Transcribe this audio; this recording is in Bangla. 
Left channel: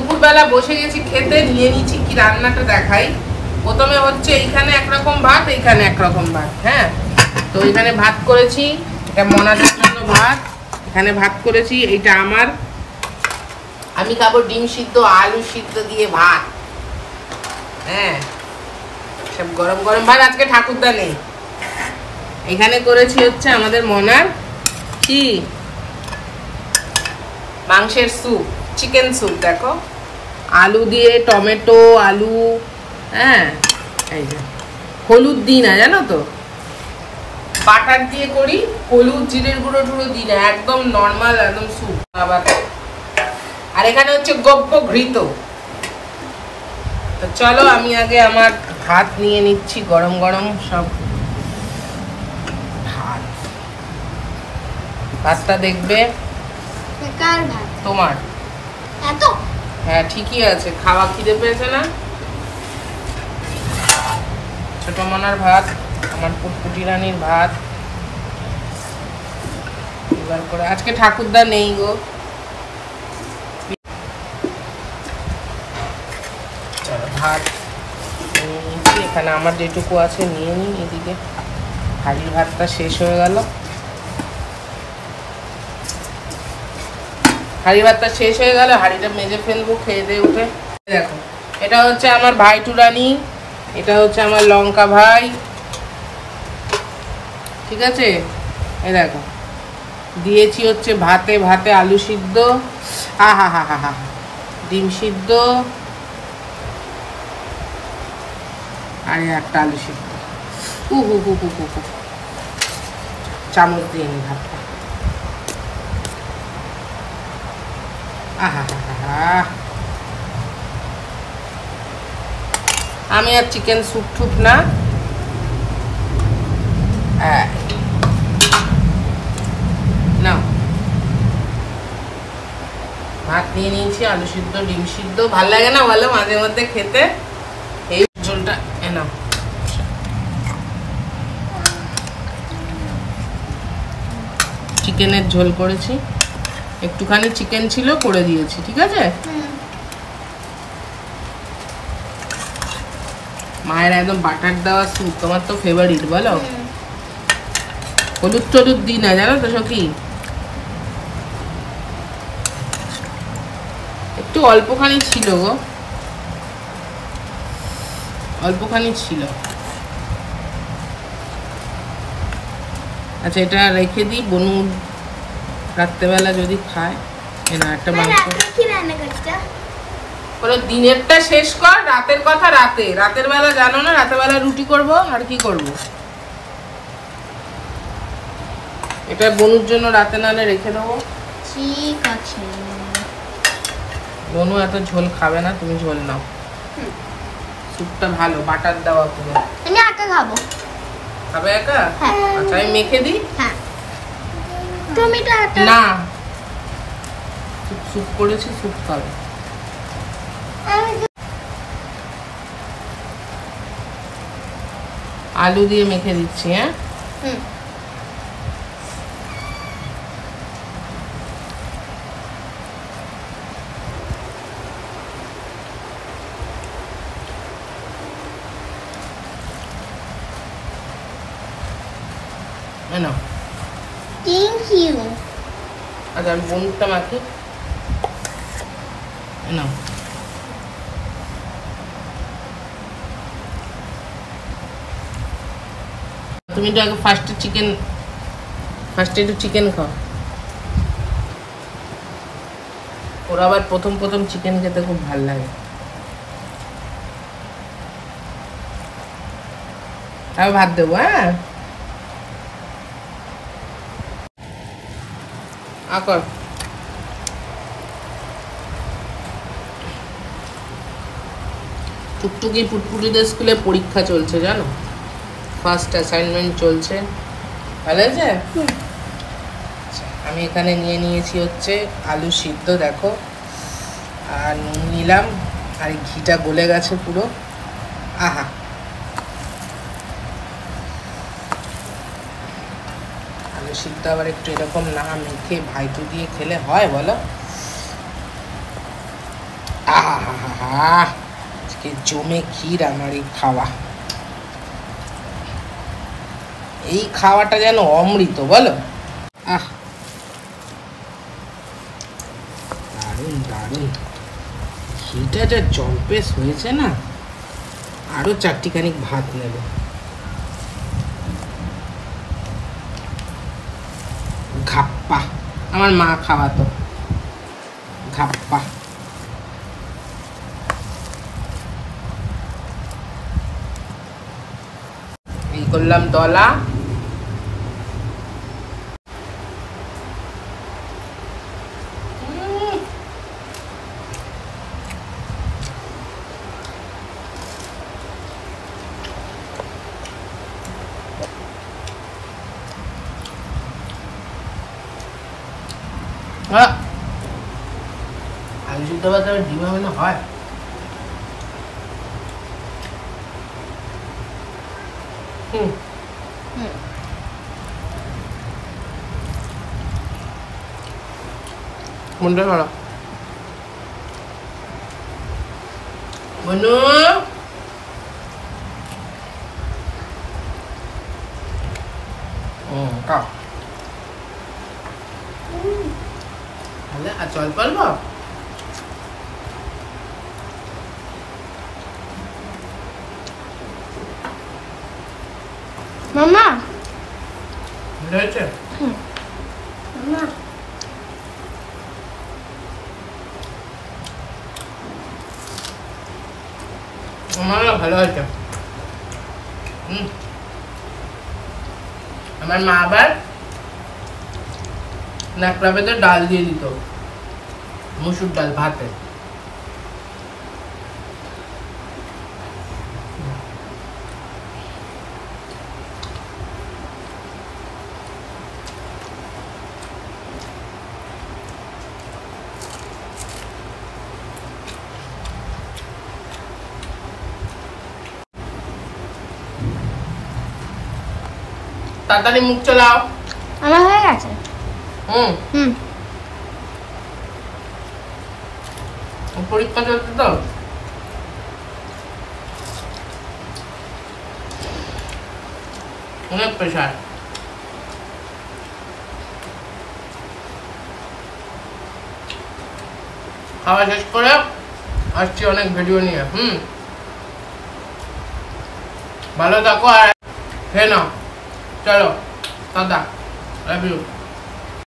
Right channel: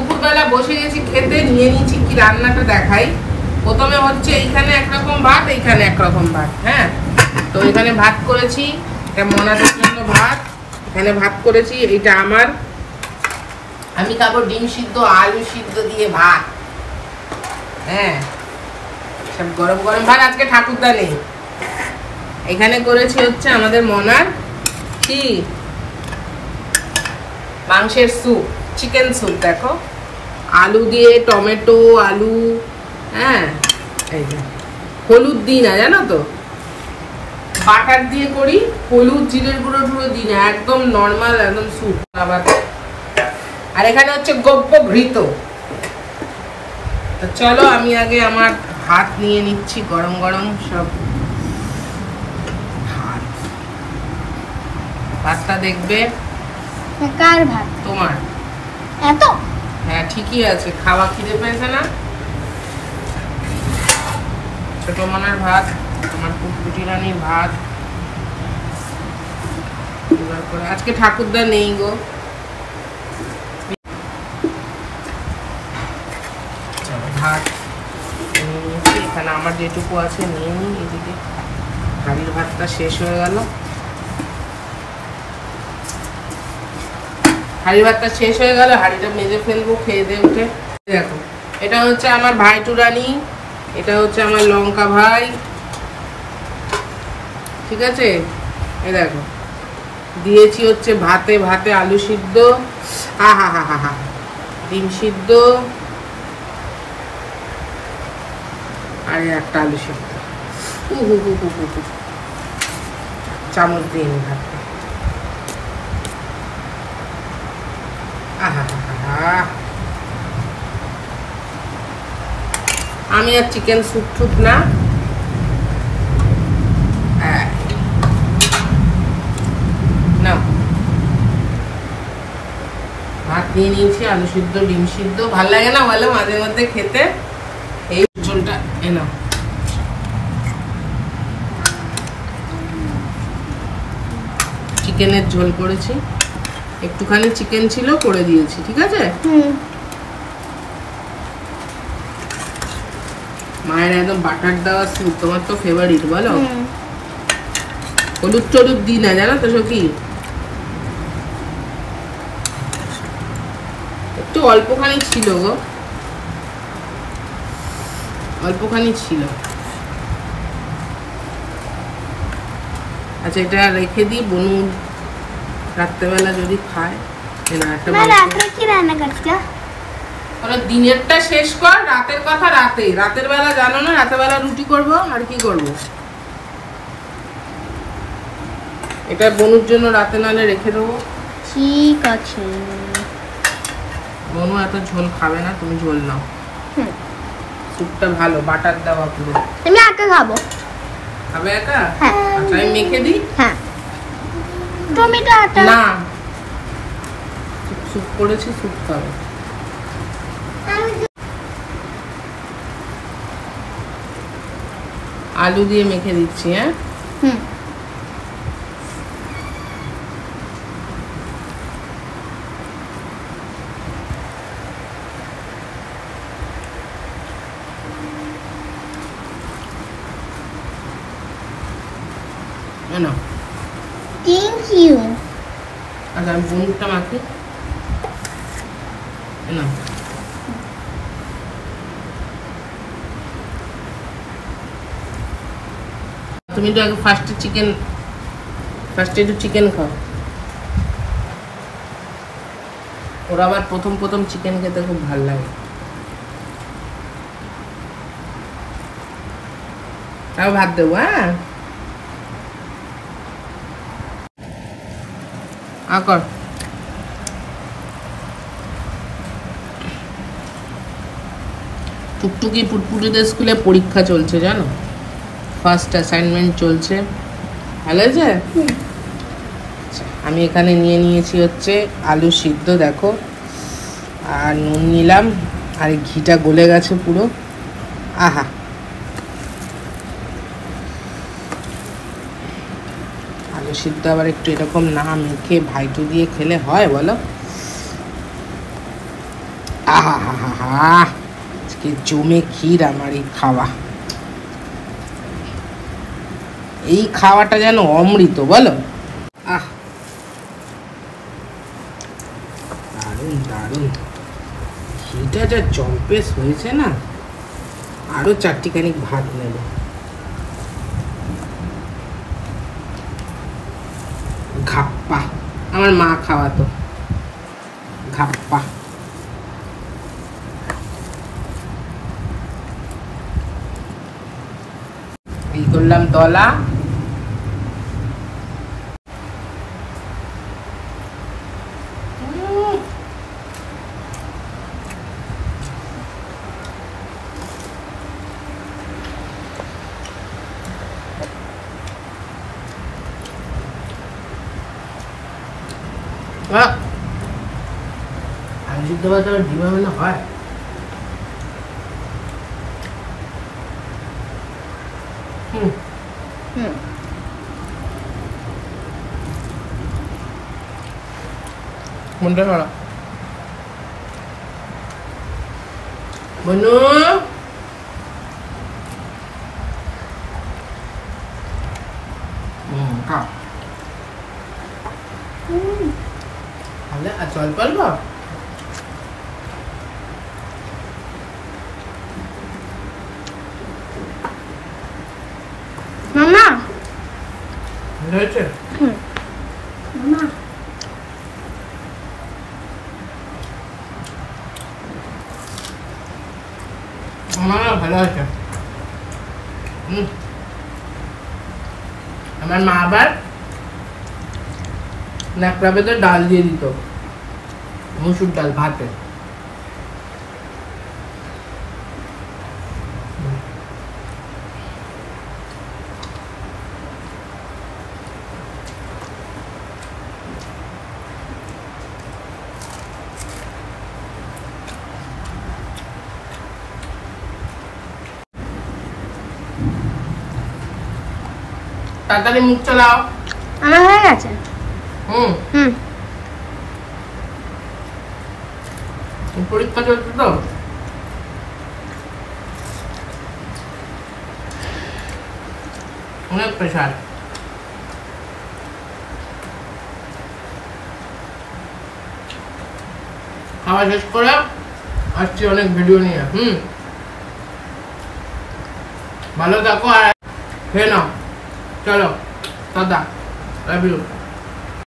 দুপুরবেলা বসে গেছি খেতে, নিয়ে নিয়েছি কি রান্নাটা দেখাই। প্রথমে হচ্ছে এইখানে একরকম ভাত, এইখানে একরকম ভাত। হ্যাঁ, তো এখানে ভাত করেছি, এটা মনাদের জন্য ভাত, এখানে ভাত করেছি, এইটা আমার। আমি খাবো ডিম সিদ্ধ আলু সিদ্ধ দিয়ে ভাত। হ্যাঁ, সব গরম গরম ভাত, আজকে ঠাকুরদা নেই। এখানে করেছি হচ্ছে আমাদের মনার কি মাংসের স্যুপ, চিকেন স্যুপ। দেখো, আলু দিয়ে, টমেটো আলু। হ্যাঁ, এই যে হলুদ দিই না জানো তো, বাটার দিয়ে করি, হলুদ জিরের গুঁড়ো টুড়ো দিই না, একদম নর্মাল একদম স্যুপ। আবার আর এখানে হচ্ছে গব্য ঘৃত। তো চলো আমি আগে আমার ভাত নিয়ে নিচ্ছি, গরম গরম সব ভাতটা দেখবে। কার ভাত? তোমার। এত? হ্যাঁ ঠিকই আছে, খাওয়া খিদে পেয়েছে না। ছোট মনার ভাত, আমার পুটপুটি রানীর ভাত। তারপরে আজকে ঠাকুরদা নেই গো। ভাত এখানে আমার যেটুকু আছে নিয়ে নিই। এদিকে হাড়ির ভাতটা শেষ হয়ে গেল, হাড়ি ভাতটা শেষ হয়ে গেল, হাড়িটা মেজে ফেলবো খেয়ে দিয়ে উঠে। দেখো, এটা হচ্ছে আমার ভাই টুরানি, এটা হচ্ছে আমার লঙ্কা ভাই। ঠিক আছে, এই দেখো দিয়েছি হচ্ছে ভাতে, ভাতে আলু সিদ্ধ, হা হা হা হা হা, ডিম সিদ্ধ, আর একটা আলু সিদ্ধ। চামচ দিয়ে নি ভাতটা। আমি আর চিকেন স্যুপ টুপ না, ভাত নিয়ে নিয়েছি, আলু সিদ্ধ ডিম সিদ্ধ। ভাল লাগে না বলো মাঝে মধ্যে খেতে? এই ঝোলটা এনো, চিকেনের ঝোল করেছি, একটুখানি চিকেন ছিল করে দিয়েছি। ঠিক আছে, মায়ের একদম বাটার দেওয়া স্যুপ, তোমার তো ফেভারিট বলো। হলুদ টলুদ দিই না জানো তো সখী, একটু অল্পখানি ছিল গো, অল্পখানি ছিল। আচ্ছা এটা রেখে দিই, বনু রাত্রেবেলা যদি খায়। দিনেরটা শেষ কর, রাতের কথা রাতে। রাতের বেলা জানো না, রাতের বেলা রুটি করব আর কি করব। এটা বনুর জন্য রাতে নালে রেখে দেবো। ঠিক আছে, বনু এত ঝোল খাবে না, তুমি ঝোল নাও। স্যুপটা ভালো, বাটার দেওয়া পুরো। আমি একা খাবো। খাবে একা? হ্যাঁ। আচ্ছা আমি মেখে দিই। হ্যাঁ, টমেটো না, স্যুপ করেছি, স্যুপ খাবে। আলু দিয়ে মেখে দিচ্ছি। হ্যাঁ, থ্যাংক ইউ। আচ্ছা আমি বনুরটা মাখি না। তুমি তো আগে ফার্স্টে একটু চিকেন খাও। ওরা আবার প্রথম প্রথম চিকেন খেতে খুব ভালো লাগে। তাও ভাত দেবো। হ্যাঁ, আকর টুকটুকি পুটপুটিদের স্কুলে পরীক্ষা চলছে জানো, ফার্স্ট অ্যাসাইনমেন্ট চলছে। ভালো আছে। আমি এখানে নিয়ে নিয়েছি হচ্ছে আলু সিদ্ধ, দেখো, আর নুন নিলাম, আর ঘিটা গলে গেছে পুরো। আহা, আলু সিদ্ধ আবার একটু এরকম না মেখে ভাইটু দিয়ে খেলে হয় বলো? আজকে জমে ক্ষীর আমার এই খাওয়া, এই খাওয়াটা যেন অমৃত বলো। দারুণ দারুণ ক্ষীরটা যা জম্পেস হয়েছে না, আরো চারটিখানি ভাত নেব। ঘাপ্পা, আমার মা খাওয়াতো ঘাপ্পা। এই করলাম দলা, আলু সিদ্ধ ভাত আর ডিম হলে হয়। মনটা ভালো বনু, খাও তাহলে। আর জল পালবো মামা। হয়েছে? মামা আমার ভালো হয়েছে। আমার মা আবার ন্যাকড়া বেঁধে ডাল দিয়ে দিত, মুসুর ডাল ভাতে। তাড়াতাড়ি মুখ চালাও। আমার হয়ে গেছে। পরীক্ষা চলছে তো, অনেক প্রেশার। খাওয়া শেষ করে আসছি অনেক ভিডিও নিয়ে। ভালো থাকো আর খেয়ে নাও। চলো, দাদা, লাভ ইউ।